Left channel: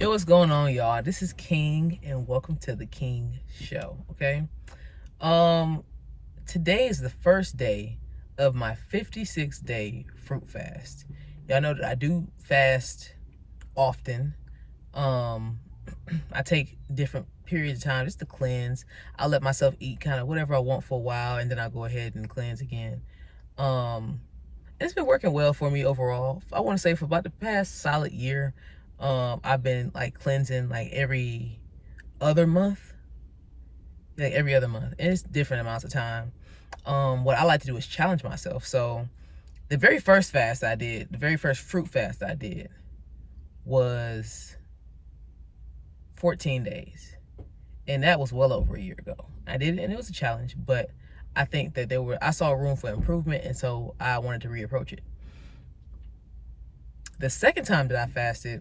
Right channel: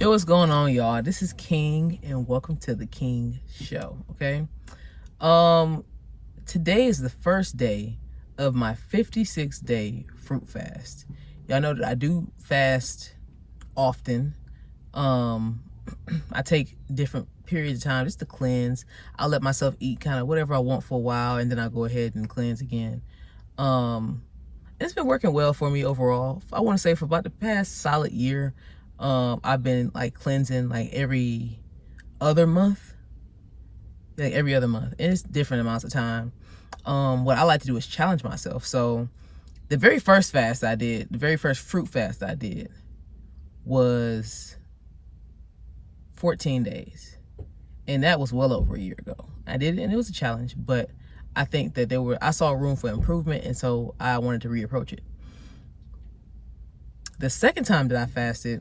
Yo, what's going on, y'all? This is King, and welcome to the King Show. Okay. Um, Today is the first day of my 56-day fruit fast. Y'all know that I do fast often. Um, I take different periods of time just to cleanse. I'll let myself eat kind of whatever I want for a while, and then I go ahead and cleanse again. Um, it's been working well for me overall. I want to say for about the past solid year, I've been like cleansing like every other month, and it's different amounts of time. What I like to do is challenge myself. So the very first fast I did, the very first fruit fast I did was 14 days, and that was well over a year ago. I did it, and it was a challenge, but I think that I saw room for improvement, and so I wanted to reapproach it. The second time that I fasted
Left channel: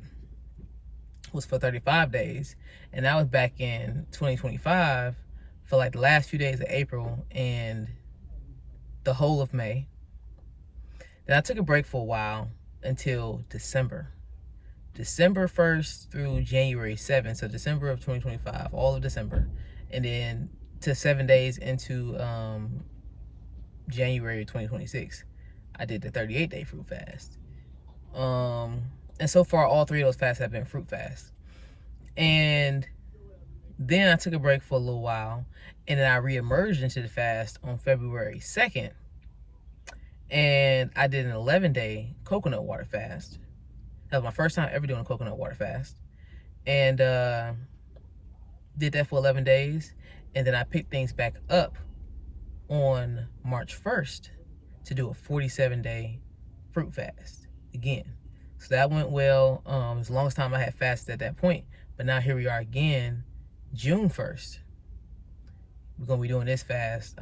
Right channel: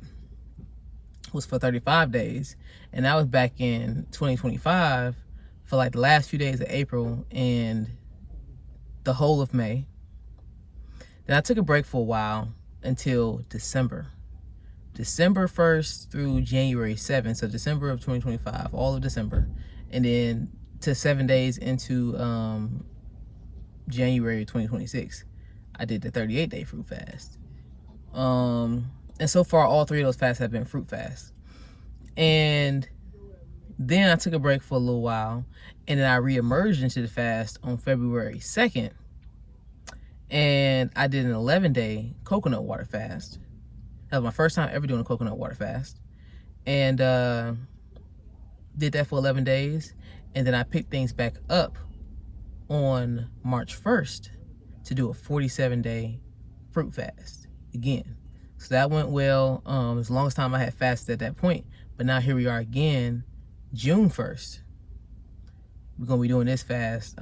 was for 35 days, and that was back in 2025 for like the last few days of April and the whole of May. Then I took a break for a while until December 1st through January 7th, so December of 2025, all of December, and then to 7 days into January 2026, I did the 38-day fruit fast. And so far, all three of those fasts have been fruit fasts. And then I took a break for a little while, and then I reemerged into the fast on February 2nd. And I did an 11-day coconut water fast. That was my first time ever doing a coconut water fast. And did that for 11 days. And then I picked things back up on March 1st to do a 47-day fruit fast again. So that went well. It was the longest time I had fasted at that point. But now here we are again, June 1st. We're going to be doing this fast,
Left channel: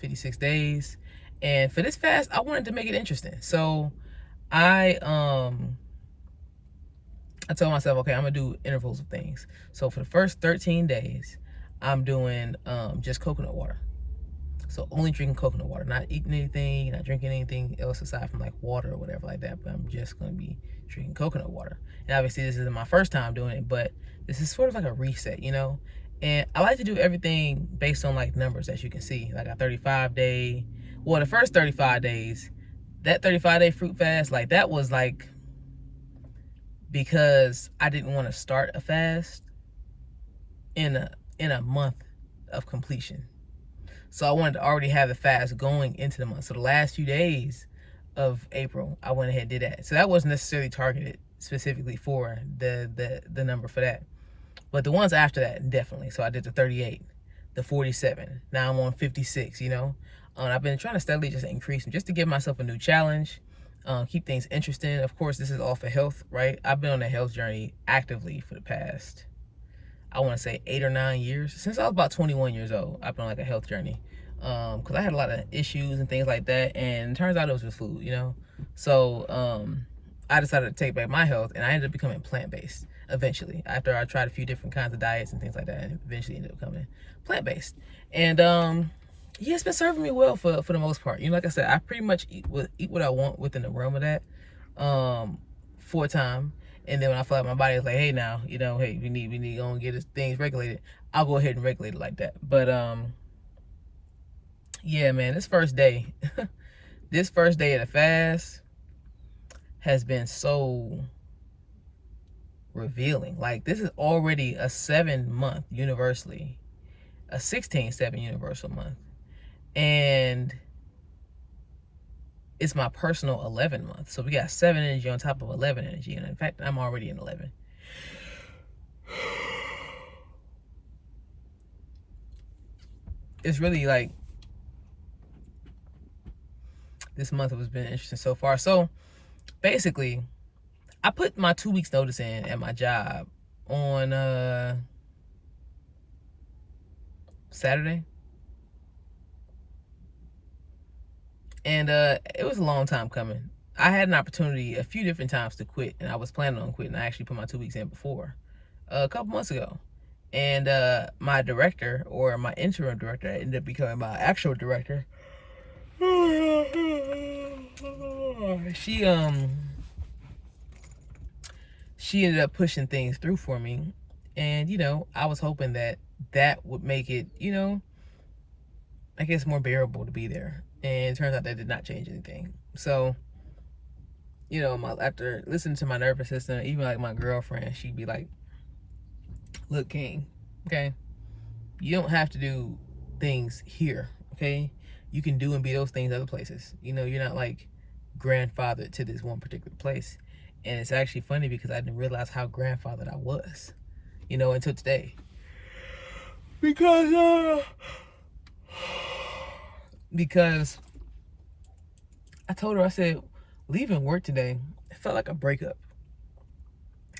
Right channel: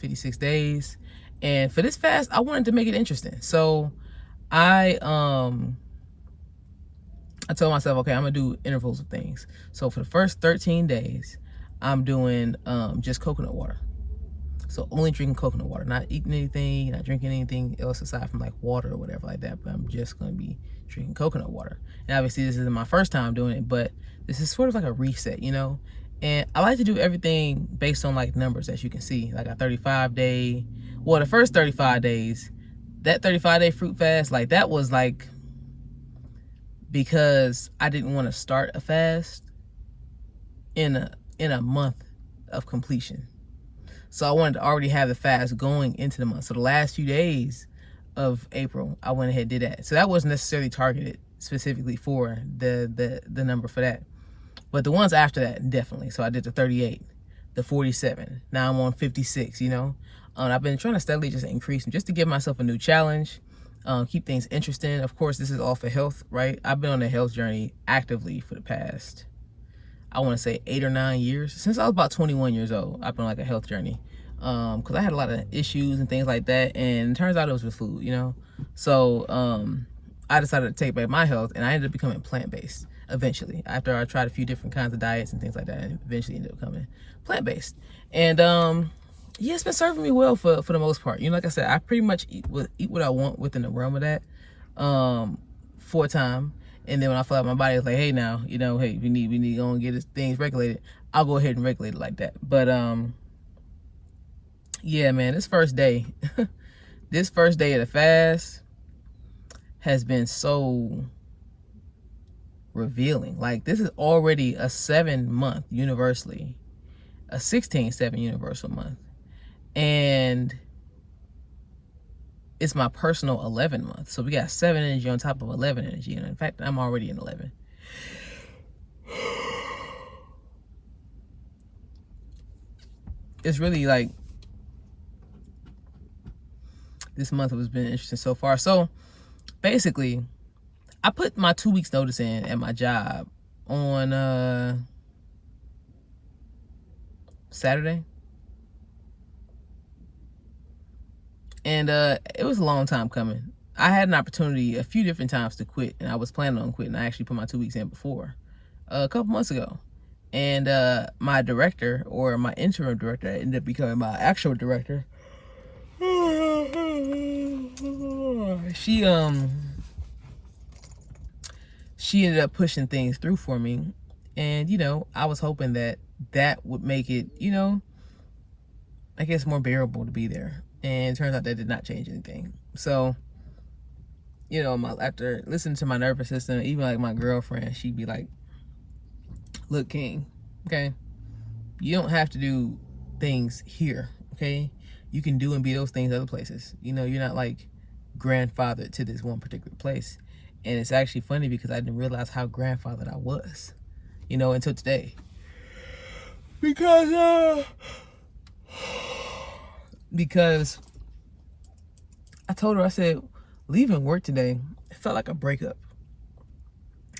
56 days. And for this fast, I wanted to make it interesting. So I told myself, okay, I'm going to do intervals of things. So for the first 13 days, I'm doing just coconut water. So only drinking coconut water, not eating anything, not drinking anything else aside from like water or whatever like that. But I'm just going to be drinking coconut water. And obviously this isn't my first time doing it, but this is sort of like a reset, you know? And I like to do everything based on like numbers, as you can see, like a 35-day, well, the first 35 days, that 35-day fruit fast, like that was like, because I didn't want to start a fast in a month of completion. So I wanted to already have the fast going into the month. So the last few days of April, I went ahead and did that. So that wasn't necessarily targeted specifically for the number for that. But the ones after that, definitely. So I did the 38, the 47. Now I'm on 56, you know. I've been trying to steadily just increase them, just to give myself a new challenge, keep things interesting. Of course, this is all for health, right? I've been on a health journey actively for the past, I want to say 8 or 9 years. Since I was about 21 years old, I've been on like a health journey. Because I had a lot of issues and things like that. And it turns out it was with food, you know? So I decided to take back my health, and I ended up becoming plant-based eventually. After I tried a few different kinds of diets and things like that, and eventually ended up becoming plant-based. And yeah, it's been serving me well for the most part. You know, like I said, I pretty much eat what I want within the realm of that for a time. And then when I feel like my body is like, hey, now, you know, hey, we need to go and get things regulated, I'll go ahead and regulate it like that. But yeah, man, this first day of the fast has been so revealing. Like, this is already a 7-month universally, a 16/7 universal month, and it's my personal 11 month. So we got 7 energy on top of 11 energy, and in fact, I'm already in 11. It's really like, this month has been interesting so far. So basically, I put my 2 weeks notice in at my job on Saturday. And it was a long time coming. I had an opportunity a few different times to quit, and I was planning on quitting. I actually put my 2 weeks in before, a couple months ago. And my director, or my interim director, ended up becoming my actual director. she ended up pushing things through for me. And, you know, I was hoping that that would make it, you know, I guess more bearable to be there. And it turns out that did not change anything. So, you know, after listening to my nervous system, even like my girlfriend, she'd be like, look, King, okay, you don't have to do things here, okay? You can do and be those things other places. You know, you're not like grandfathered to this one particular place. And it's actually funny because I didn't realize how grandfathered I was, you know, until today. Because I told her, I said, leaving work today, it felt like a breakup.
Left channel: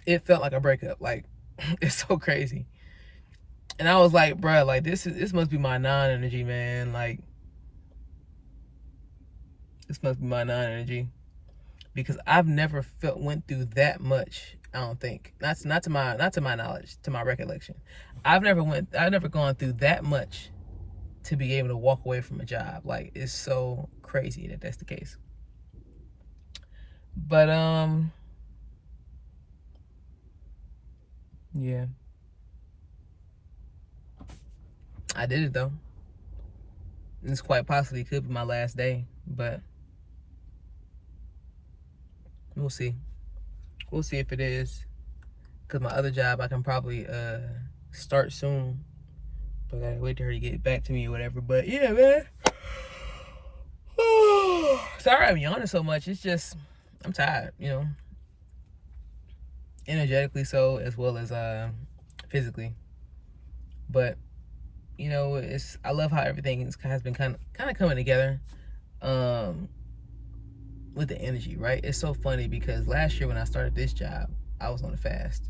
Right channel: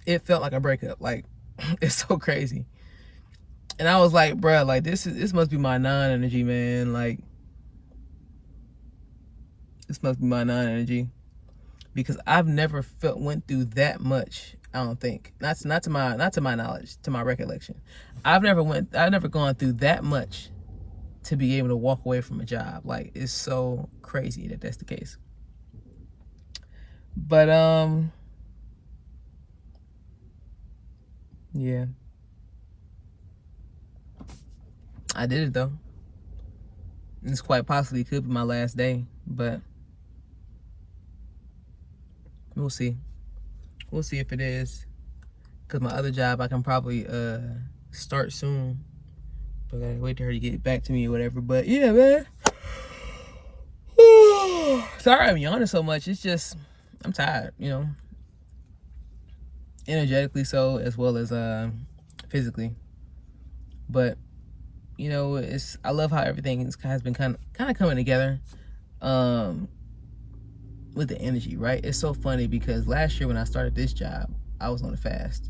It felt like a breakup. Like, it's so crazy. And I was like, bruh, like this must be my non-energy, man. Like, this must be my non-energy. Because I've never went through that much, I don't think. Not to my knowledge, to my recollection. I've never gone through that much to be able to walk away from a job. Like, it's so crazy that that's the case. But yeah, I did it though. This quite possibly could be my last day, but we'll see. We'll see if it is. Cause my other job I can probably start soon, but I gotta wait for her to get back to me or whatever. But yeah, man. Sorry I'm yawning so much. It's just I'm tired, you know. Energetically so, as well as physically. But you know, I love how everything has been kind of coming together with the energy, right? It's so funny because last year when I started this job, I was on a fast.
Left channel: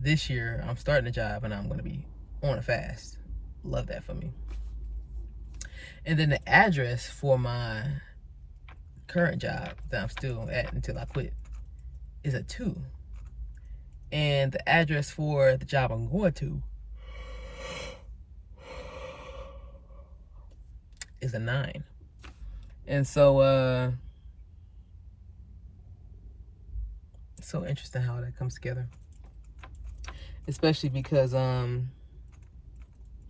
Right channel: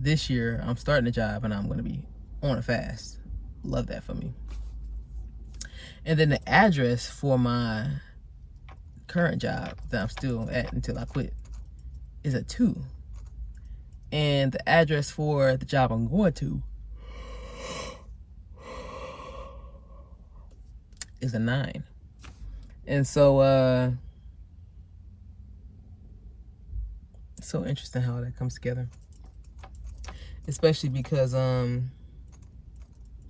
This year I'm starting a job and I'm going to be on a fast. Love that for me. And then the address for my current job that I'm still at until I quit is a 2. And the address for the job I'm going to is a 9. And so it's so interesting how that comes together. Especially because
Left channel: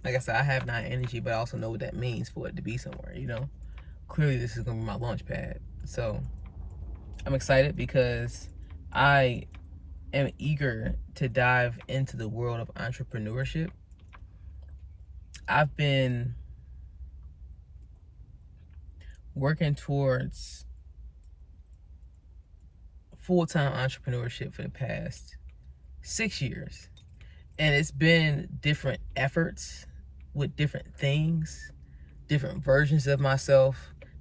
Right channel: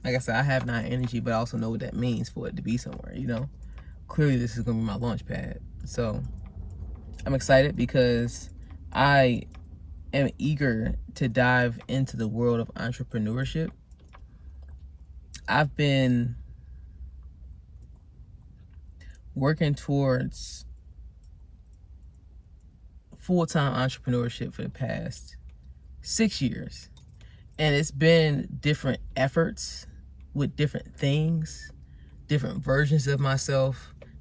like I said, I have 9 energy, but I also know what that means for it to be somewhere, you know. Clearly this is gonna be my launch pad. So I'm excited because I am eager to dive into the world of entrepreneurship. I've been working towards full-time entrepreneurship for the past 6 years. And it's been different efforts with different things, different versions of myself,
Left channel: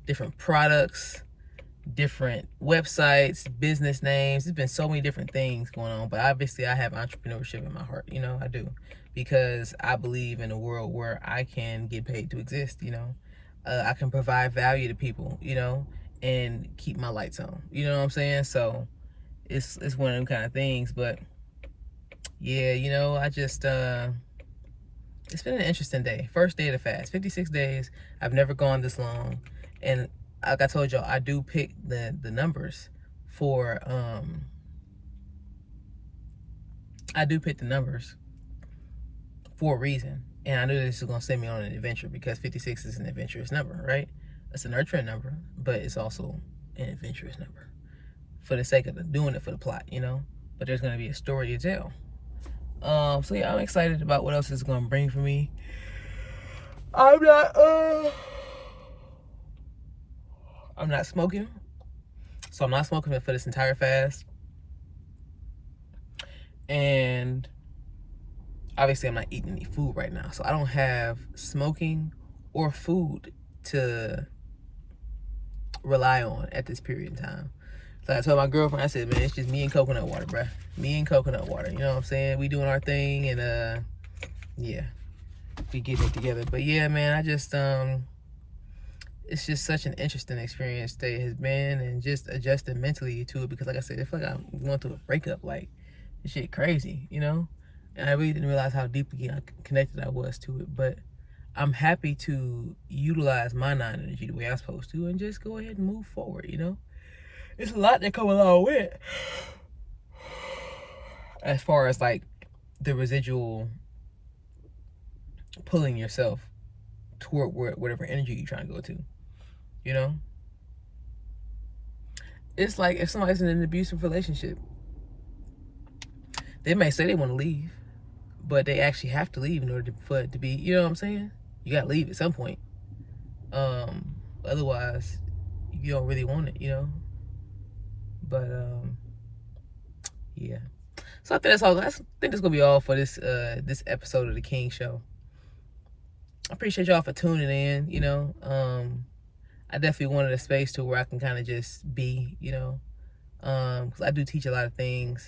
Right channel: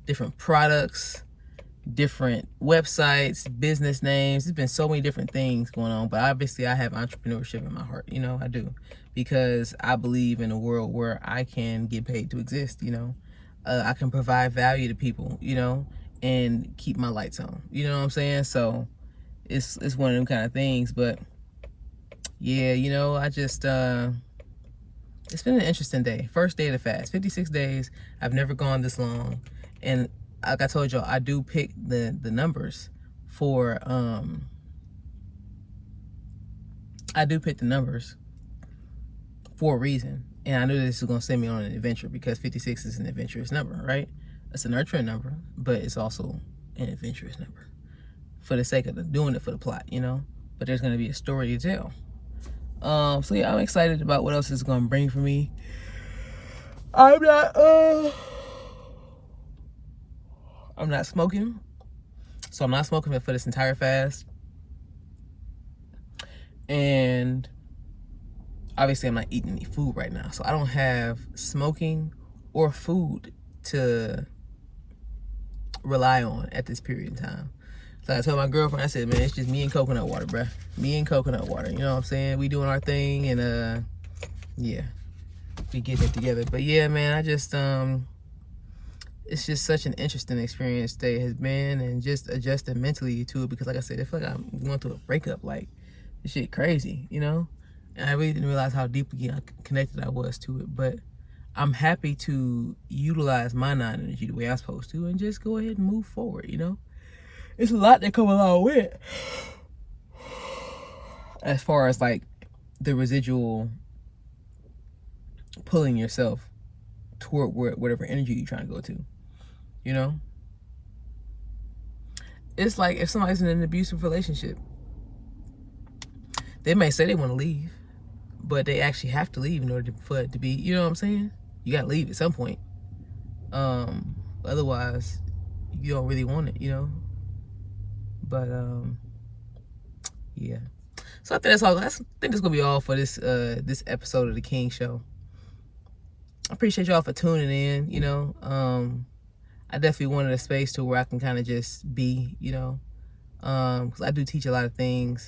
different products, different websites, business names. There's been so many different things going on, but obviously I have entrepreneurship in my heart, you know, I do, because I believe in a world where I can get paid to exist, you know. I can provide value to people, you know, and keep my lights on, you know what I'm saying? So it's one of them kind of things. But yeah, you know, I just it's been an interesting day. First day of the fast, 56 days. I've never gone this long. And like I told y'all, I do pick the numbers for I do pick the numbers for a reason. And I knew this was gonna send me on an adventure because 56 is an adventurous number, right? It's a nurturing number, but it's also an adventurous number for the sake of doing it for the plot, you know. But there's gonna be a story to tell. So yeah, I'm excited about what else it's gonna bring for me. I'm not smoking, so I'm not smoking for this entire fast. And obviously I'm not eating any food right now, so I don't have smoking or food to rely on at this period in time. So I told my girlfriend, I said, man, it's just me and coconut water, bruh. Me and coconut water, you know what I'm saying? We doing our thing, and yeah, we getting it together. But yeah, man, I just it's just such an interesting experience that it has been, and just adjusting mentally to it, because like I said, I feel like I'm going through a breakup. Like, this shit crazy, you know? And I really didn't realize how deeply connected I was to it. But I'm happy to utilize my non-energy the way I'm supposed to and just go ahead and move forward, you know? It's a lot that come along with it. as far as like the residual pulling yourself toward whatever energy you're trying to go to, you know? It's like if somebody's in an abusive relationship, they may say they want to leave, but they actually have to leave in order for it to be, you know what I'm saying? You gotta leave at some point. Otherwise, you don't really want it, you know? But, yeah. So I think that's all. I think that's gonna be all for this this episode of the King Show. I appreciate y'all for tuning in, you know. I definitely wanted a space to where I can kind of just be, you know. Because I do teach a lot of things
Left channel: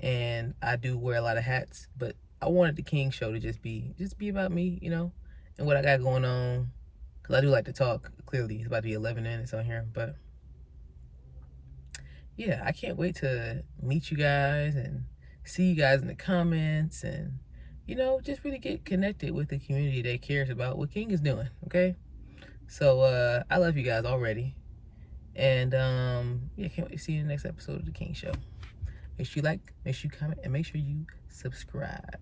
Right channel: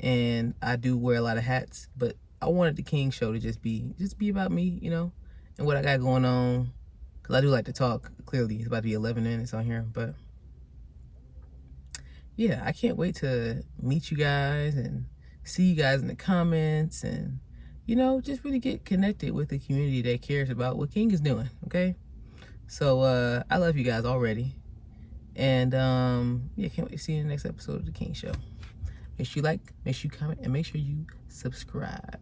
and I do wear a lot of hats, but I wanted the King Show to just be about me, you know, and what I got going on. Because I do like to talk. Clearly, it's about to be 11 minutes on here, but yeah, I can't wait to meet you guys and see you guys in the comments and, you know, just really get connected with the community that cares about what King is doing, okay? So, I love you guys already. And, yeah, can't wait to see you in the next episode of the King Show. Make sure you like, make sure you comment, and make sure you subscribe.